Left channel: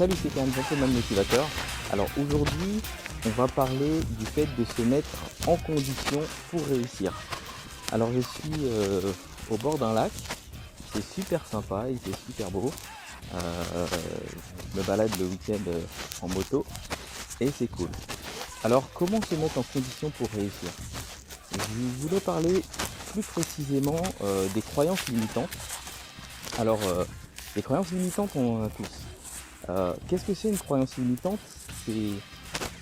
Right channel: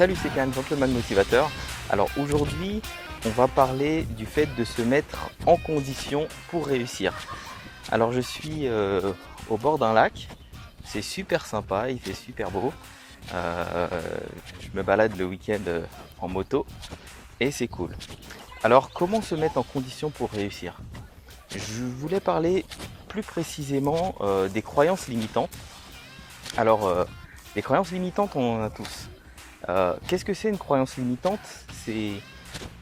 Salut, c'est Khan, Gentleman Motivateur. Alors aujourd'hui, on va parler du fait de se mettre en condition pour réussir. Alors je suis au bord d'un lac, c'est super sympa, il fait super beau. Euh, je me balade le week-end en moto et c'est cool. Alors comment se mettre en condition pour réussir? Je voulais parler plus précisément des croyances limitantes. Alors les croyances limitantes, on en a tous. Qu'est-ce que c'est une croyance limitante? C'est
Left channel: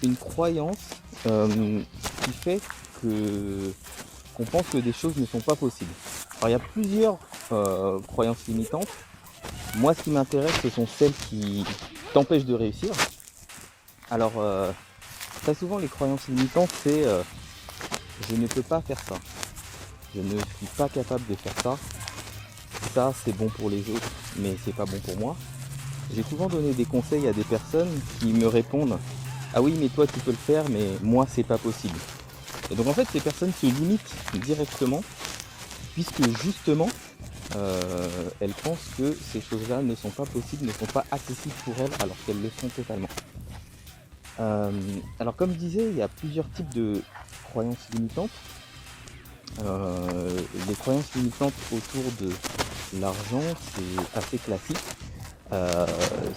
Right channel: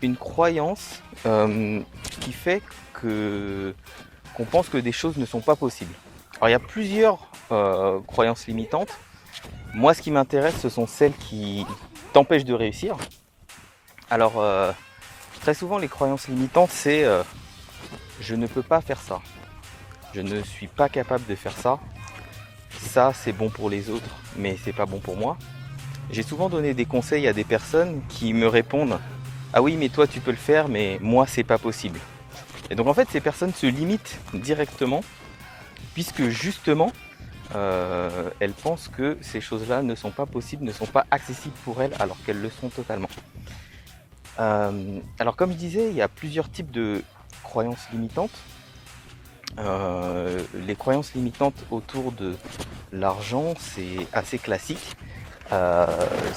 une croyance qui fait que qu'on pense que des choses ne sont pas possibles. Alors il y a plusieurs croyances limitantes. Moi, ce qui m'intéresse, ce sont celles qui t'empêchent de réussir. Alors très souvent, les croyances limitantes, c'est je ne peux pas faire ça, je ne suis pas capable de faire ça, ça c'est bon pour les autres, mais c'est pas bon pour moi. J'ai souvent donné des conseils à des personnes qui me répondent ah oui, mais toi tu peux le faire, mais moi c'est pas possible. Et donc en fait, ces personnes se limitent directement, puisque justement elles pensent que ces choses-là ne sont pas possibles, ne sont pas accessibles pour elles, alors qu'elles le sont totalement. Alors comme je disais, il y a plusieurs types de croyances limitantes. Les croyances limitantes autour de l'argent, c'est assez classique.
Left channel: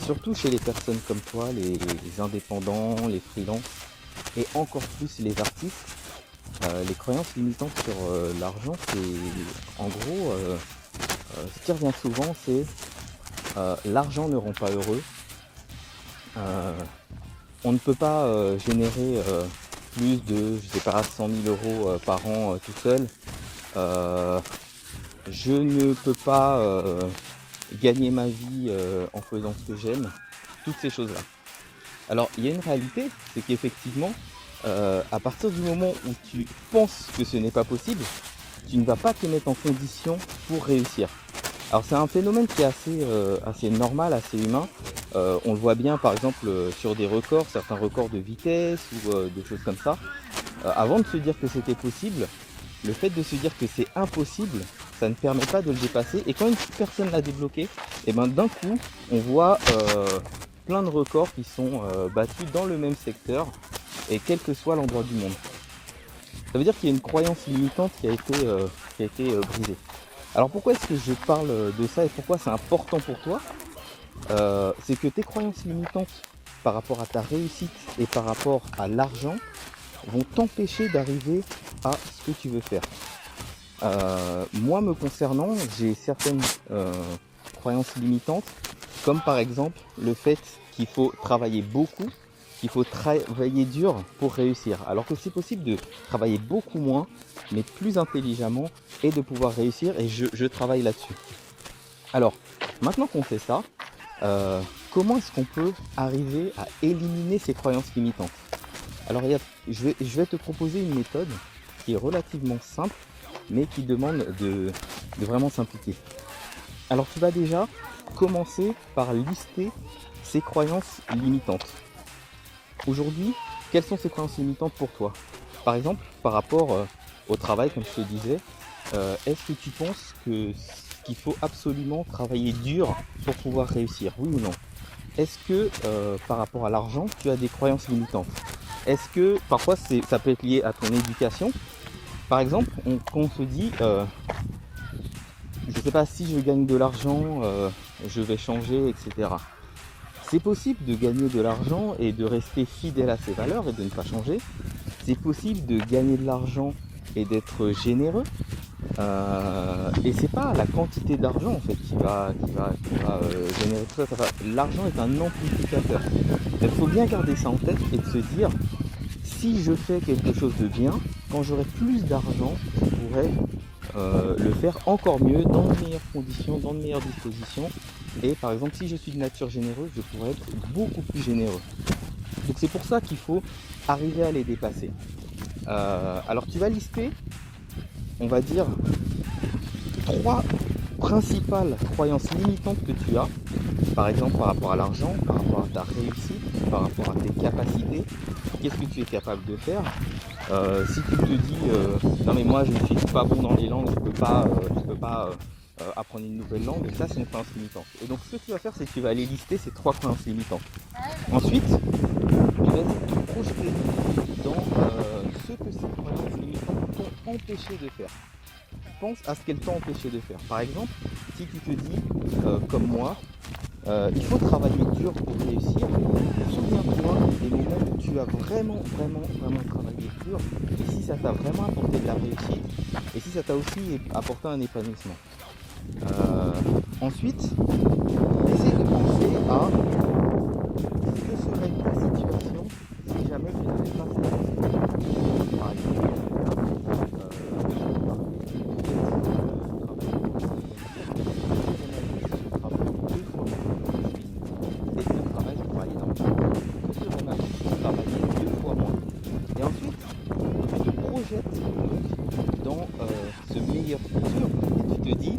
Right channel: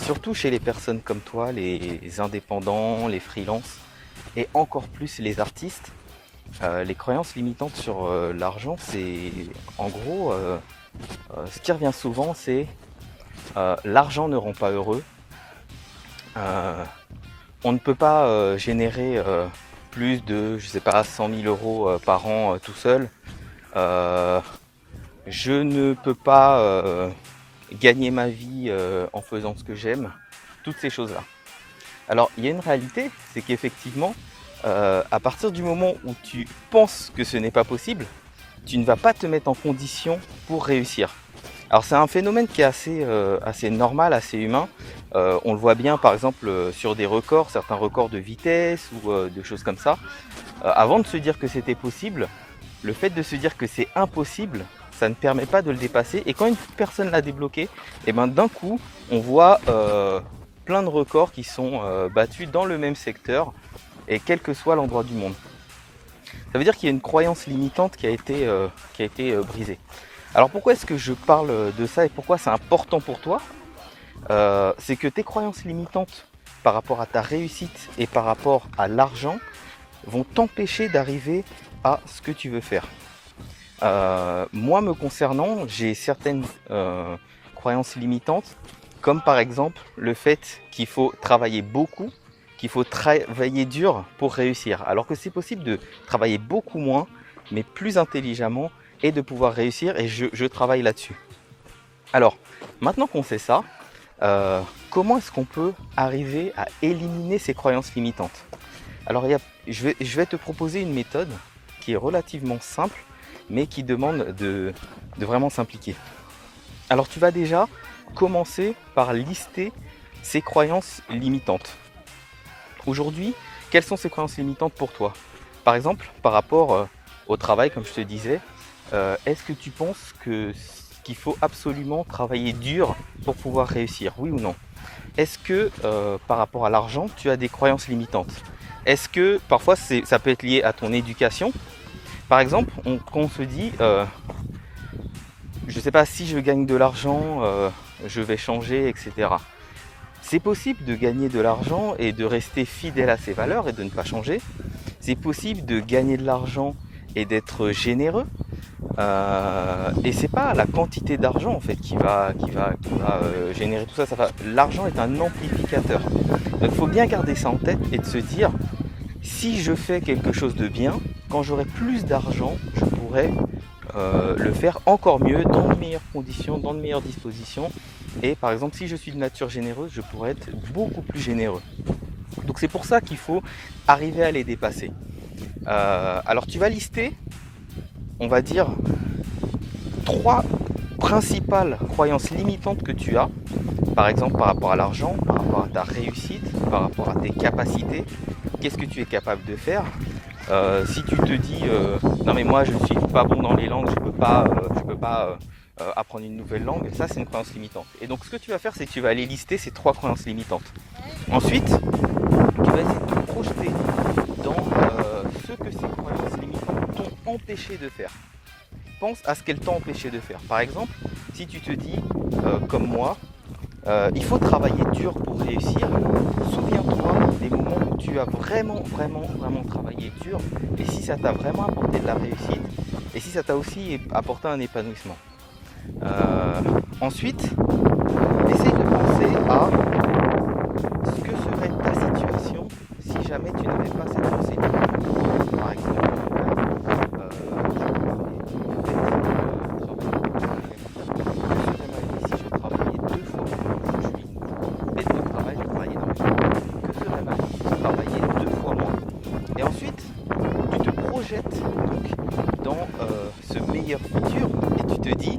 Surtout chez les personnes comme toi, les indépendants, les freelances et encore plus les artistes. Les croyances limitantes sur l'argent, c'est en gros ce qui revient souvent, c'est l'argent ne rend pas heureux. On ne peut pas générer plus de, je sais pas, 100 000 euros par an tout seul. Je ne peux pas gagner ma vie en faisant ce que j'aime, toutes ces choses-là. Alors il y a une réalité, c'est qu'effectivement, à partir du moment où tu penses que ce n'est pas possible, tu ne vas pas te mettre en condition pour réussir. Alors c'est un phénomène qui est assez normal, assez humain. On le voit bien par exemple sur des records, certains records de vitesse ou de choses comme ça. Avant de se dire que c'était possible, le fait de se dire que c'est impossible, ça ne permet pas de le dépasser. Et quand une personne l'a débloqué, et ben d'un coup, on voit plein de records qui sont battus dans le même secteur et quel que soit l'endroit du monde. Ça veut dire qu'il y a une croyance limitante qui a été brisée. Alors pourquoi est-ce que je parle de ça et pourquoi c'est important pour toi? C'est que tes croyances limitantes par rapport à ta réussite et par rapport à l'argent vont t'empêcher d'arriver à ce que tu veux faire. Moi me concernant, j'ai certaines croyances limitantes, comme par exemple le fait qu'il faut travailler beaucoup, qu'il faut travailler dur pour réussir, alors que c'est possible de travailler beaucoup moins, mais plus intelligemment, et de pouvoir réussir, et je travaille là-dessus. Alors, maintenant qu'on sait ça, comment est-ce qu'on peut arriver à éliminer ces croyances limitantes? Alors, je vais te proposer une méthode qui est relativement simple, mais qui demande de vraiment s'impliquer. Alors, tu vas déjà commencer par lister ces croyances limitantes. Aujourd'hui, quelles sont ces croyances limitantes pour toi? Par exemple, par rapport au travail, comme je te disais, est-ce que tu penses qu'il faut absolument travailler dur pour pouvoir réussir? Oui ou non? Est-ce que par rapport à l'argent, tu as des croyances limitantes? Est-ce que parfois ça peut être lié à ton éducation? Par exemple, quand on se dit, je ne sais pas, si je gagne de l'argent, je vais changer, etc. C'est possible de gagner de l'argent et de rester fidèle à ses valeurs et de ne pas changer. C'est possible de gagner de l'argent et d'être généreux. Et c'est pas la quantité d'argent en fait qui va générer tout ça. L'argent est un amplificateur. Donc il faut bien garder ça en tête et de se dire, si je fais quelque chose de bien, quand j'aurai plus d'argent, je pourrai le faire encore mieux, dans de meilleures conditions, dans de meilleures dispositions. Et par exemple, si je suis de nature généreuse, je pourrais être beaucoup plus généreux. Donc c'est pour ça qu'il faut arriver à les dépasser. Alors tu vas lister, on va dire, 3 principales croyances limitantes que tu as. Par exemple, par rapport à l'argent, par rapport à ta réussite, par rapport à tes capacités. Qu'est-ce que tu es capable de faire? Si tu te dis non mais moi je ne suis pas bon dans les langues, je peux pas apprendre une nouvelle langue, ça c'est une croyance limitante. Et donc ce que tu vas faire, c'est que tu vas aller lister ces 3 croyances limitantes. Ensuite, tu vas essayer de te projeter dans ce que ces croyances limitantes t'ont empêché de faire. Pense à ce qu'elles t'ont empêché de faire. Par exemple, si tu te dis, comme moi, il faut travailler dur pour réussir, souviens-toi des moments où tu as vraiment travaillé dur, et si ça t'a vraiment apporté de la réussite, et si ça t'a aussi apporté un épanouissement. Ensuite, essaye de penser à ce que serait ta situation si jamais tu n'avais pas cette pensée. Par exemple, et ensuite, tu te projettes donc dans ce meilleur futur et tu te dis,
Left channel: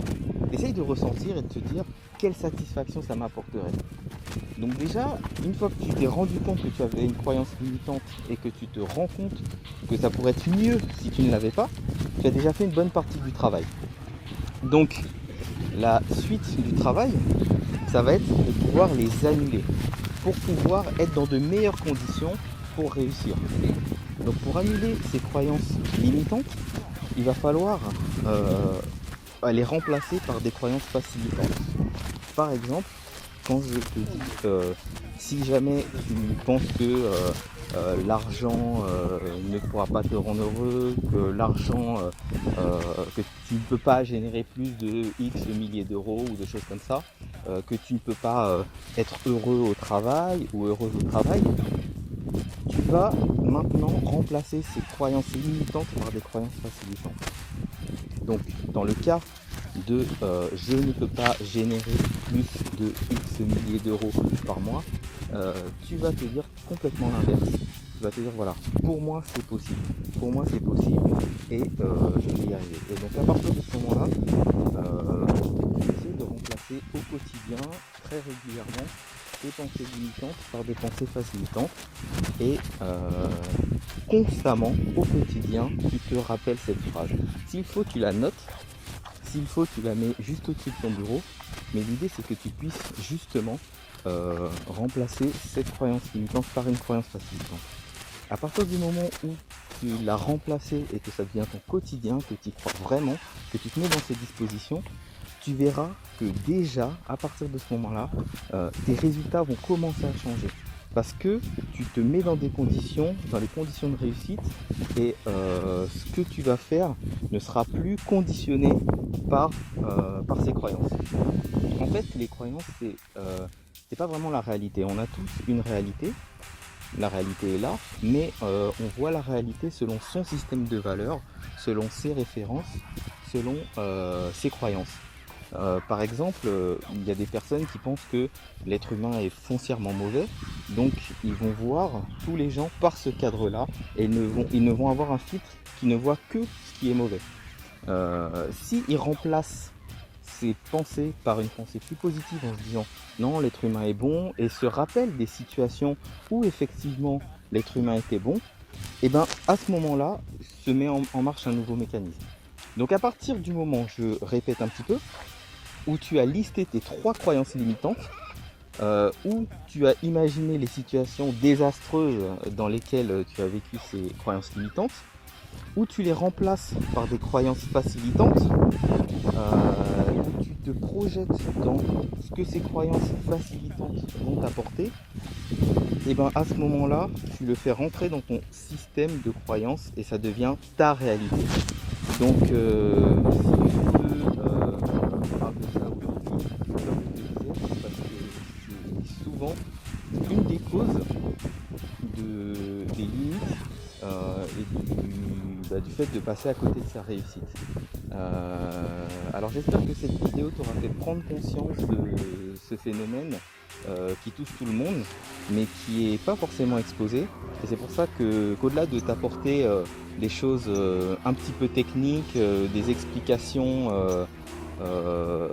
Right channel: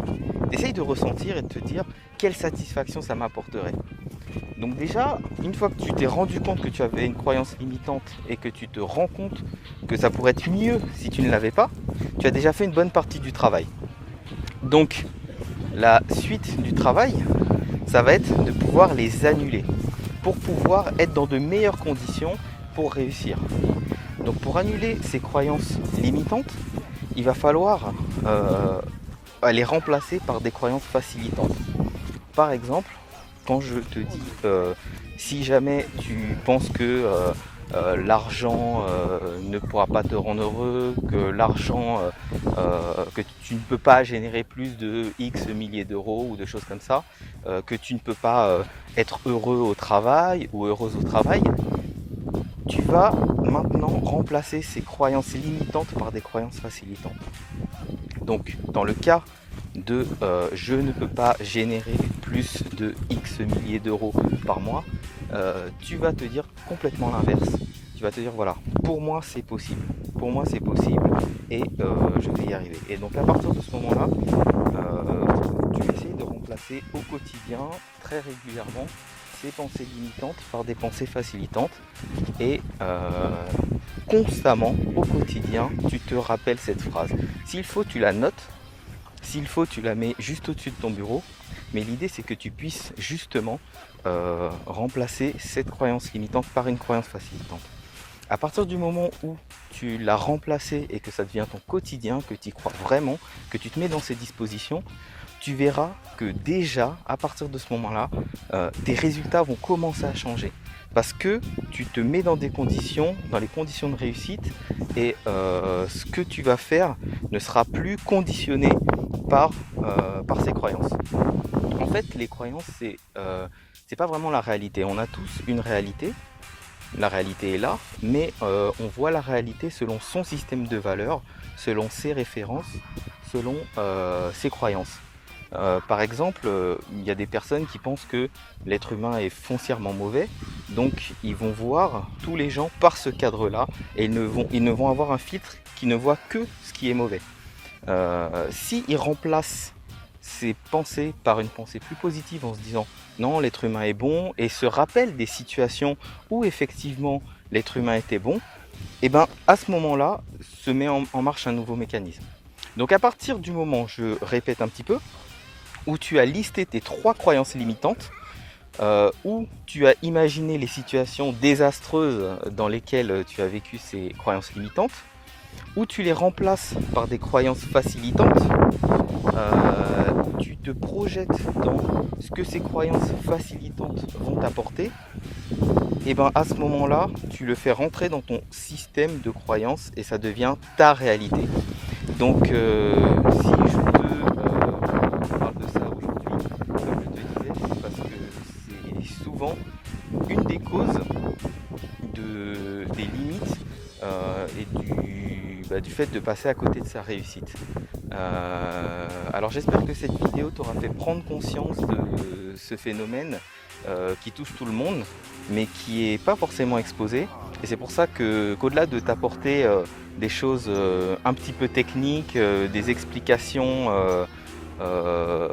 essaye de ressentir et de te dire quelle satisfaction ça m'apporterait. Donc déjà, une fois que tu t'es rendu compte que tu avais une croyance limitante et que tu te rends compte que ça pourrait être mieux si tu ne l'avais pas, tu as déjà fait une bonne partie du travail. Donc la suite du travail, ça va être de pouvoir les annuler pour pouvoir être dans de meilleures conditions pour réussir. Donc pour annuler ces croyances limitantes, il va falloir les remplacer par des croyances facilitantes. Par exemple, quand je te dis si jamais tu penses que l'argent ne pourra pas te rendre heureux, que l'argent, que tu ne peux pas générer plus de X milliers d'euros ou de choses comme ça, que tu ne peux pas être heureux au travail ou heureuse au travail, tu vas maintenant remplacer ces croyances limitantes par des croyances facilitantes. Donc dans le cas de je ne peux pas générer plus de X milliers d'euros par mois, tu vas te dire complètement l'inverse. Tu vas te dire voilà, pour moi c'est possible, et je vais y arriver. Et donc à partir de ce moment-là, tu essaies de remplacer au quotidien, très régulièrement, ces pensées limitantes par des pensées facilitantes et constamment au quotidien tu te rappelles cette phrase. S'il faut tu la notes, s'il faut tu la mets juste au-dessus de ton bureau, mais l'idée c'est que tu puisses justement remplacer cette croyance limitante par une croyance facilitante. À partir du moment où tu l'as remplacée et que ça devient ton quotidien, que tu y crois vraiment, que tu te mets dans ces dispositions, tu verras que déjà, à partir de ce moment-là, tes résultats vont commencer à changer. Parce que tu te mets dans des conditions, dans les conditions de réussite, et ce que tu vas faire ne sera plus conditionné par ces croyances. En fait, les croyances, c'est pas vraiment la réalité. On a tous une réalité. La réalité est là, mais on voit la réalité selon son système de valeurs, selon ses références, selon ses croyances. Par exemple, il y a des personnes qui pensent que l'être humain est foncièrement mauvais, donc ils vont voir tous les gens par ce cadre-là et ils ne vont avoir un filtre qui ne voit que ce qui est mauvais. S'ils remplacent ces pensées par une pensée plus positive en se disant non, l'être humain est bon, et se rappellent des situations où effectivement l'être humain était bon, et bien à ce moment-là se met en marche un nouveau mécanisme. Donc à partir du moment, je répète un petit peu, où tu as listé tes 3 croyances limitantes, où tu as imaginé les situations désastreuses dans lesquelles tu as vécu ces croyances limitantes, où tu les remplaces par des croyances facilitantes, où tu te projettes dans ce que ces croyances facilitantes vont t'apporter, et bien à ce moment-là, tu le fais rentrer dans ton système de croyances et ça devient ta réalité. Donc si je parle de ça aujourd'hui, comme je te disais, c'est parce que c'est souvent une des causes des limites et du fait de passer à côté de sa réussite. Alors j'espère que cette vidéo t'aura fait prendre conscience de ce phénomène qui touche tout le monde, mais qui n'est pas forcément exposé. Et c'est pour ça qu'au-delà de t'apporter des choses un petit peu techniques, des explications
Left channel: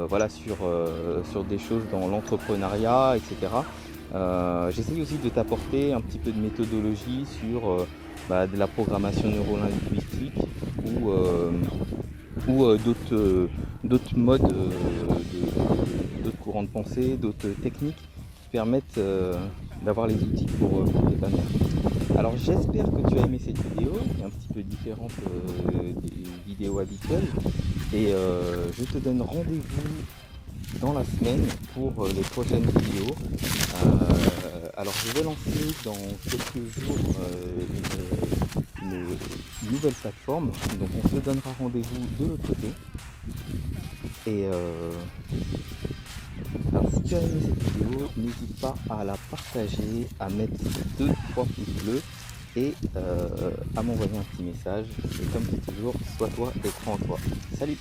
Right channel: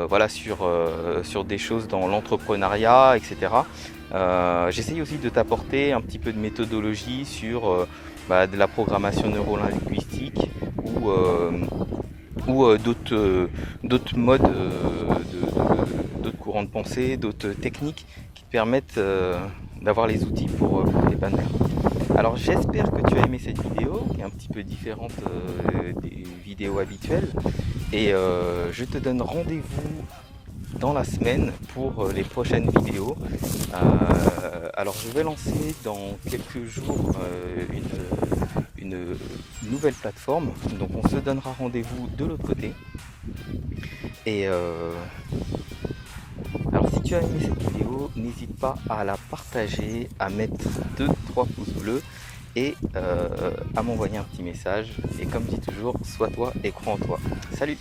voilà, sur des choses dans l'entrepreneuriat, etc. J'essaye aussi de t'apporter un petit peu de méthodologie sur de la programmation neurolinguistique ou ou d'autres modes, d'autres courants de pensée, d'autres techniques qui te permettent d'avoir les outils pour t'épanouir. Alors j'espère que tu as aimé cette vidéo, qui est un petit peu différente des vidéos habituelles. Et je te donne rendez-vous dans la semaine pour les prochaines vidéos. Alors je vais lancer dans quelques jours une nouvelle plateforme, donc on se donnera rendez-vous de l'autre côté. Et alors si tu as aimé cette vidéo, n'hésite pas à la partager, à mettre 2-3 pouces bleus et à m'envoyer un petit message. Et comme dit toujours, sois toi et crois en toi. Salut!